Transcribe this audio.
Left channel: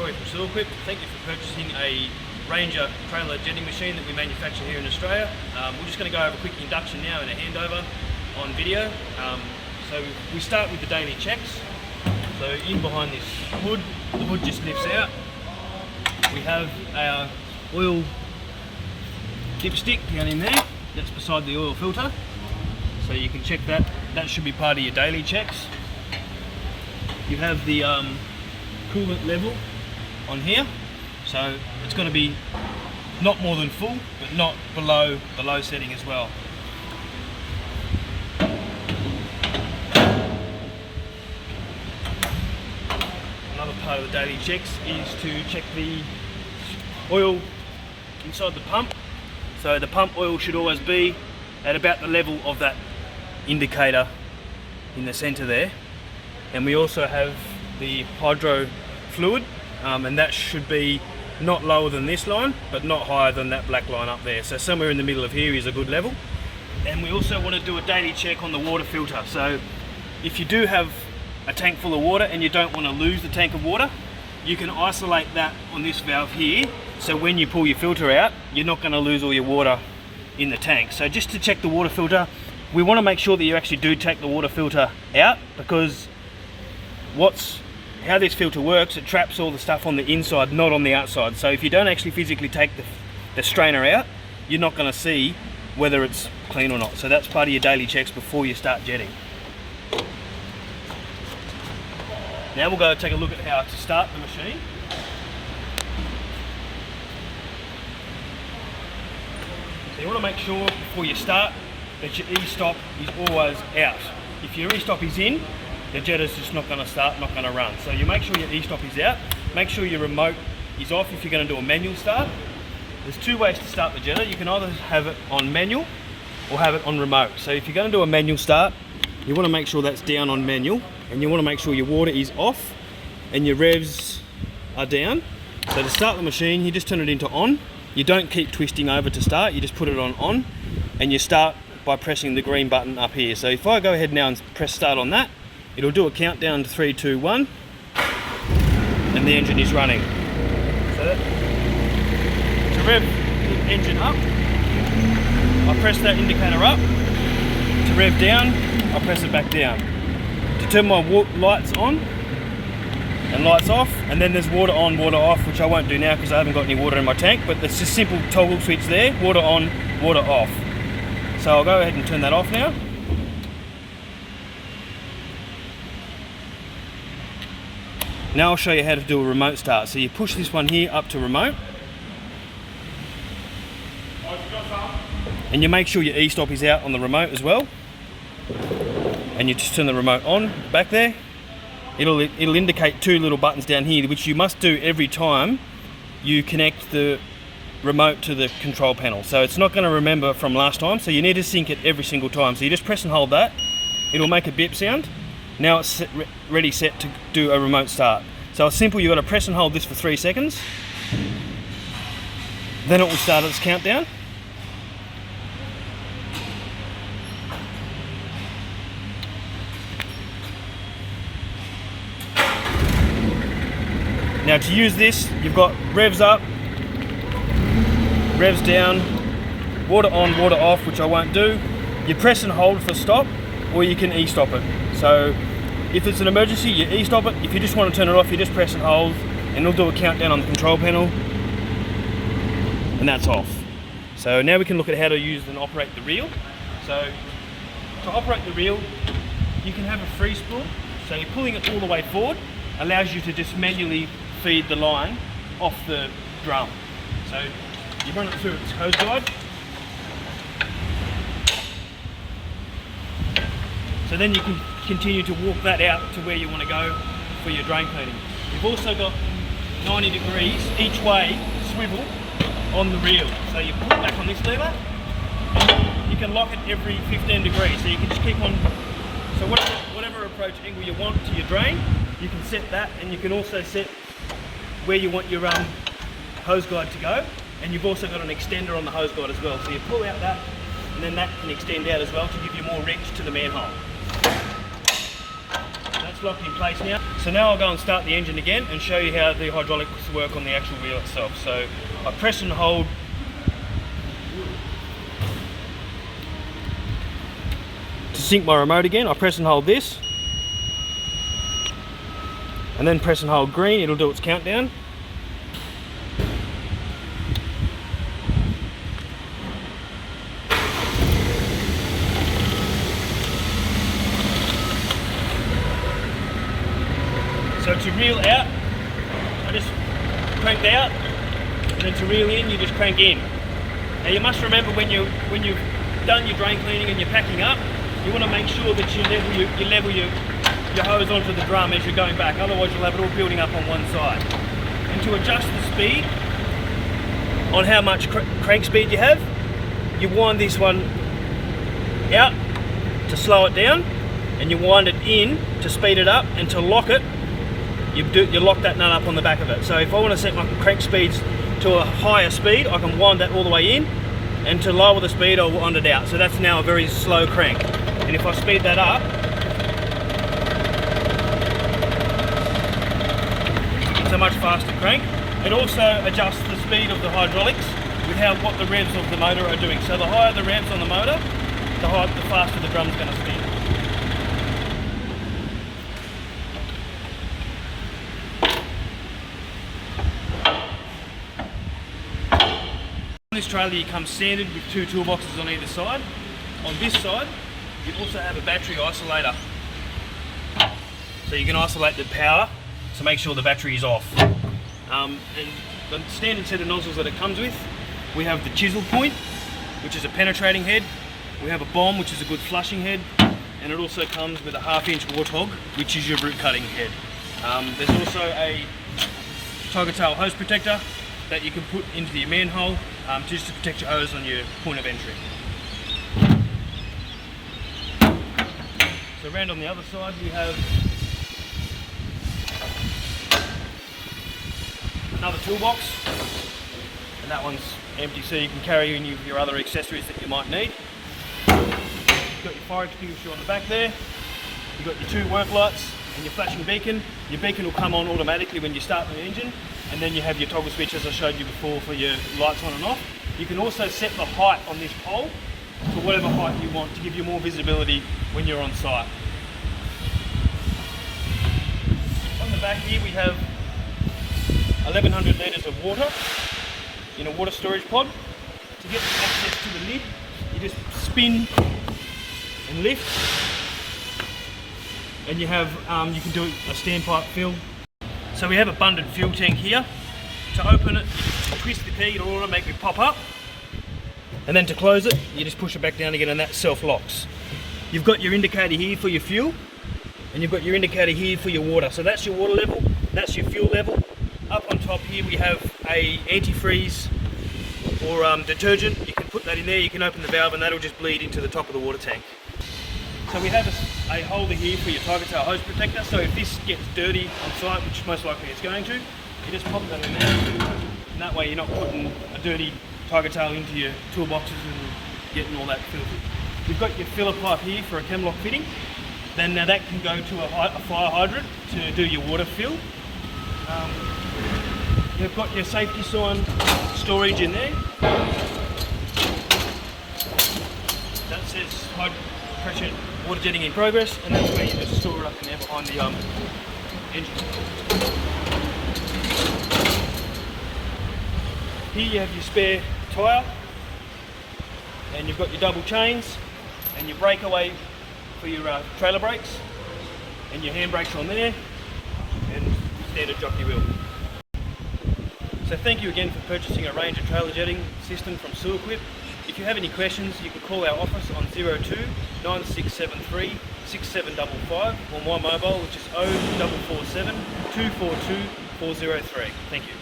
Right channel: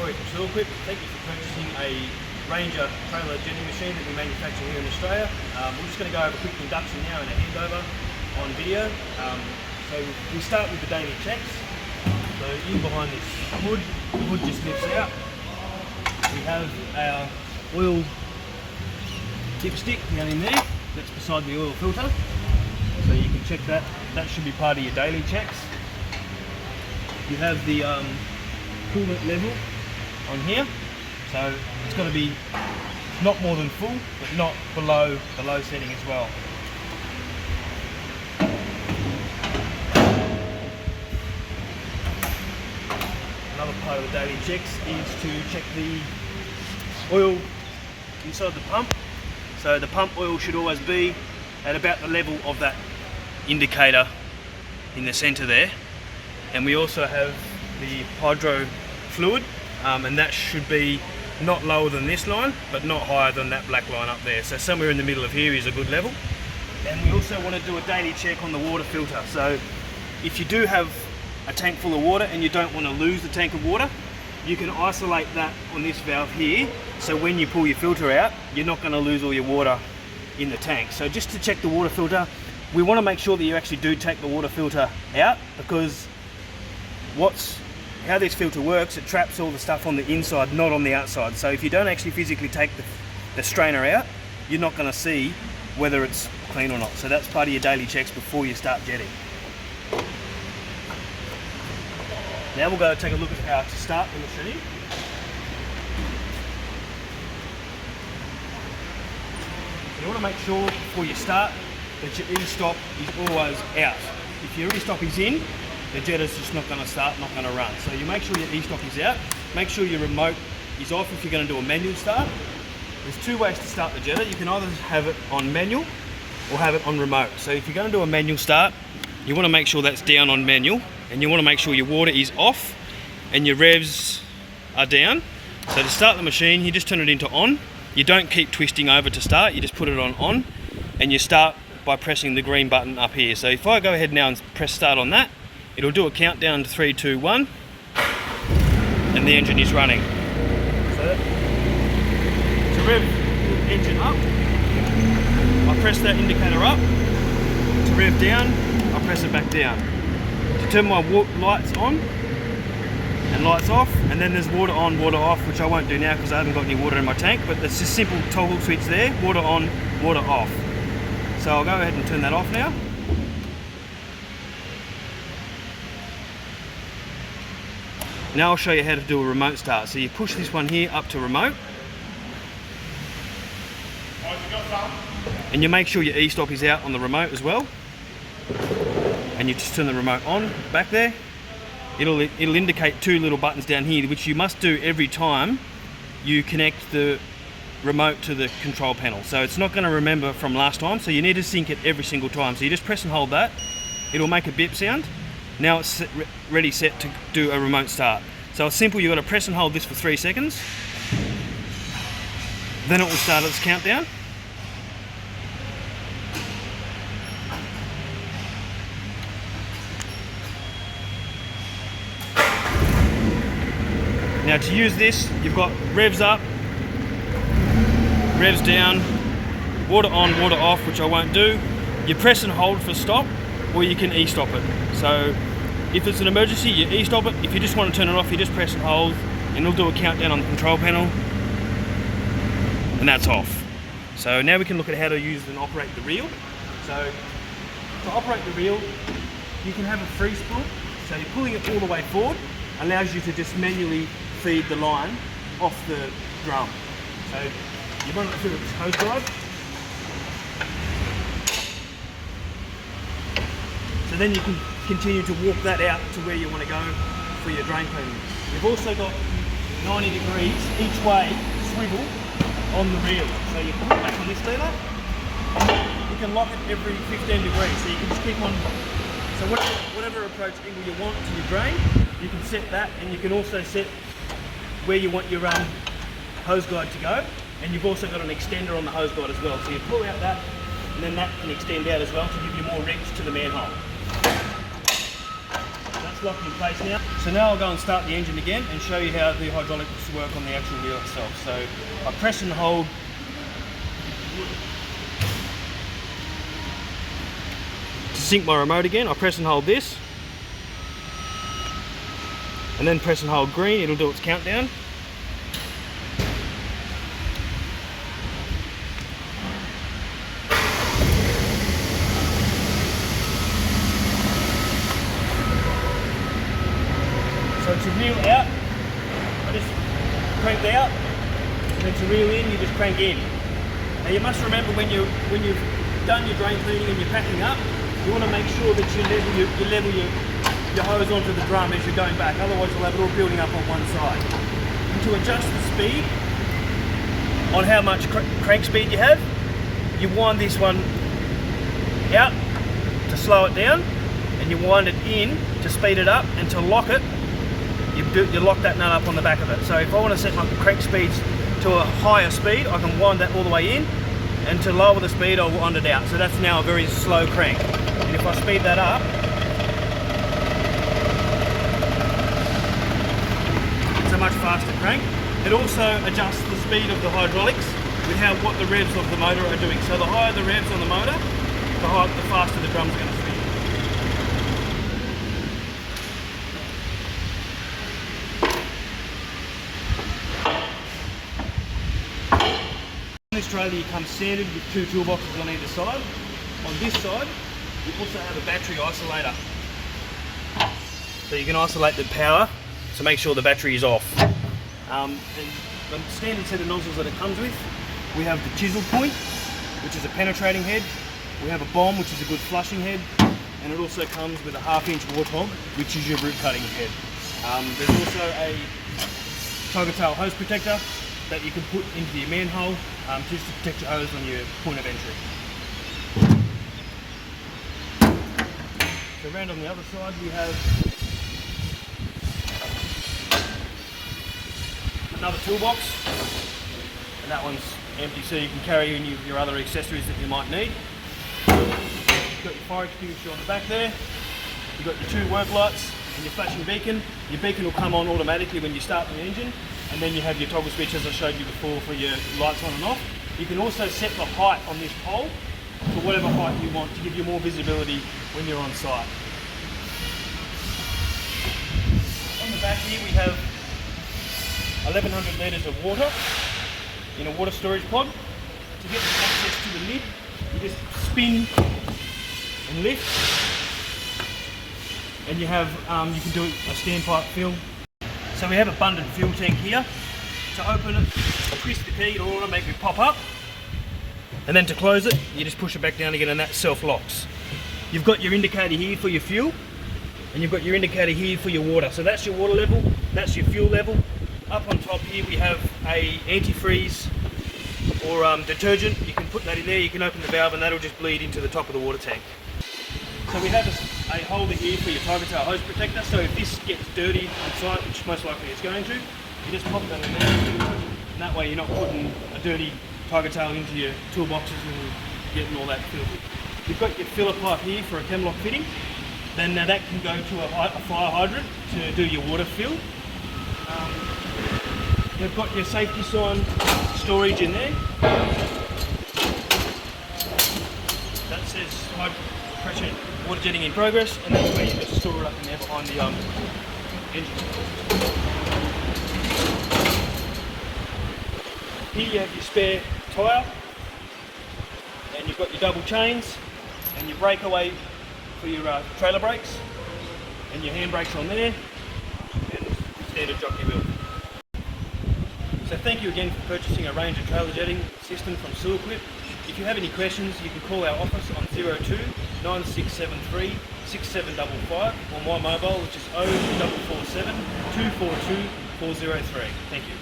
Troy from Sewerquip. Thank you for purchasing a Ranger trailer jetting machine that we manufacture here in Australia. We're just going to go over a quick induction now and a handover on video. So we start with the daily checks. So in behind this hood, the hood just lifts out. We have our oil dipstick down in there, that's beside the oil filter. So you can check that, that should be part of your daily checks. You have the coolant level on here, so it's got to be not more than full, but not below the low setting as well. Another part of the daily checks is to check the oil inside the pump. So the pump oil should always be at about the level of that indicator in the center there. And we also have the hydro fluid, and that should be not lower than this line, but not higher than that black line up there. So somewhere in the middle of here is a good level. And we also want to do a daily check on the water filter. So if you do have a tank full of water and you don't want to lose the tank of water, you can isolate that on this valve here. So when you pull your filter out, you're not going to lose all your water in the tank. So just to check the water filter, we want to make sure that you actually do take the water filter out, because how this filter works, it traps all the stuff on the inside, not on the outside. So if you don't actually physically take the strainer out, you're not going to see whether it's clean or not. So that's part of your daily checks before you start jetting. Now we'll go take a look at how to start the machine. So you want to make sure before you start that your e-stop is always out. If your e-stop is in, the jetter's just not going to start, not going to run. So you make sure your e-stop is out. Make sure your remote is off if you're going to do a manual start. There's two ways to start the jetter. You can either have it on manual or have it on remote. So if you're going to do a manual start, you want to make sure that's down on manual, and you want to make sure your water is off and your revs are down. So to start the machine, you just turn it into on. You don't keep twisting over to start, you just put it on, and you start by pressing the green button up here. So if I go ahead now and press start on that, it'll do a countdown to 3, 2, 1, and the engine is running. So to rev the engine up, I press that indicator up. To rev down, I press it back down. To turn my lights on and lights off, and then there's water on, water off, which I won't do now because I haven't got any water in my tank, but there's a simple toggle switch there, water on, water off. So I'll go ahead and turn that off now. Now I'll show you how to do a remote start. So you push this one here up to remote, and you make sure your e-stop is out on the remote as well, and you just turn the remote on back there. It'll indicate two little buttons down here, which you must do every time you connect the remote to the control panel. So it's not going to remember from last time, so you need to sync it every single time. So you just press and hold that, it'll make a beep sound. Now it's ready set to do a remote start. So it's simple, you've got to press and hold this for 3 seconds, then it will start its countdown. Now to use this, you've got revs up, revs down, water on, water off, which I won't do. You press and hold for stop, or you can e-stop it. So if it's an emergency, you e-stop it. If you just want to turn it off, you just press and hold, and it'll do a countdown on the control panel, and that's off. So now we can look at how to use and operate the reel. So to operate the reel, you can have a free spool. So you're pulling it all the way forward, allows you to just manually feed the line off the drum. So you run it through its hose guide. So then you can continue to walk that out to where you want to go for your drain cleaning. We've also got 90 degrees each way swivel on the reel. So you pull back on this lever, you can lock it every 15 degrees. So you can just keep on, so whatever approach angle you want to your drain, you can set that, and you can also set where you want your hose guide to go. And you've also got an extender on the hose guide as well. So you pull out that, and then that can extend out as well to give you more reach to the manhole. That's it's locked in place now. So now I'll go and start the engine again and show you how the hydraulics work on the actual wheel itself. So I press and hold to sync my remote again. I press and hold this, and then press and hold green, it'll do its countdown. So to reel out, I just crank out, and then to reel in, you just crank in. Now you must remember when you've done your drain cleaning and you're packing up, you want to make sure that you level your hose onto the drum as you're going back, otherwise you'll have it all building up on one side. And to adjust the speed on how much crank speed you have, you wind this one out to slow it down, and you wind it in to speed it up, and to lock it, you lock that nut up on the back of it. So if I want to set my crank speeds to a higher speed, I can wind that all the way in, and to lower the speed, I'll wind it out. So that's now a very slow crank. And if I speed that up, it's a much faster crank. It also adjusts the speed of the hydraulics with what the revs of the motor are doing. So the higher the revs on the motor, the faster the drum's going to spin. On this trailer you come standard with 2 toolboxes on either side. On this side you also have a battery isolator, so you can isolate the power to make sure the battery is off. And the standard set of nozzles that it comes with, we have the chisel point, which is a penetrating head, we have a bomb, which is a good flushing head, and it also comes with a 1/2 inch warthog, which is your root cutting head. There's also a tiger tail hose protector that you can put into your manhole just to protect your hose on your point of entry. So around on the other side we have another toolbox, and that one's empty, so you can carry in your other accessories that you might need. You've got your fire extinguisher on the back there, you've got your 2 work lights and your flashing beacon. Your beacon will come on automatically when you start the engine, and then you have your toggle switch as I showed you before for your lights on and off. You can also set the height on this pole to whatever height you want to give you more visibility when you're on site. On the back here we have 1100 litres of water in a water storage pod. To get access to the lid, you just spin and lift, and you have you can do a standpipe fill. So we have a abundant fuel tank here. To open it, you just twist the key, it'll automatically pop up, and then to close it, you just push it back down again, and that self-locks. You've got your indicator here for your fuel, and you've got your indicator here for your water. So that's your water level, that's your fuel level. Up on top here we have a antifreeze or detergent. You can put that in there, you can open the valve, and that'll just bleed into the top of the water tank. So we have a holder here for your tiger tail hose protector, so if this gets dirty on site, which most likely it's going to, you just pop that in there, and that way you're not putting a dirty tiger tail into your toolboxes and getting all that filthy. You've got your filler pipe here for a chemlock fitting, then now that can go to a fire hydrant to do your water fill. You've got your safety sign storage in there. That says high pressure water jetting in progress, and that's where you just store it up in there behind the engine. Here you have your spare tyre, and you've got your double chains, and your breakaway for your trailer brakes, and your handbrakes on there, and standard jockey wheel. So thank you again for purchasing a Ranger trailer jetting system from Sewerquip. If you have any questions, you can call our office on 02 9673 6755, or my mobile, which is 0447 242 403. Thank you.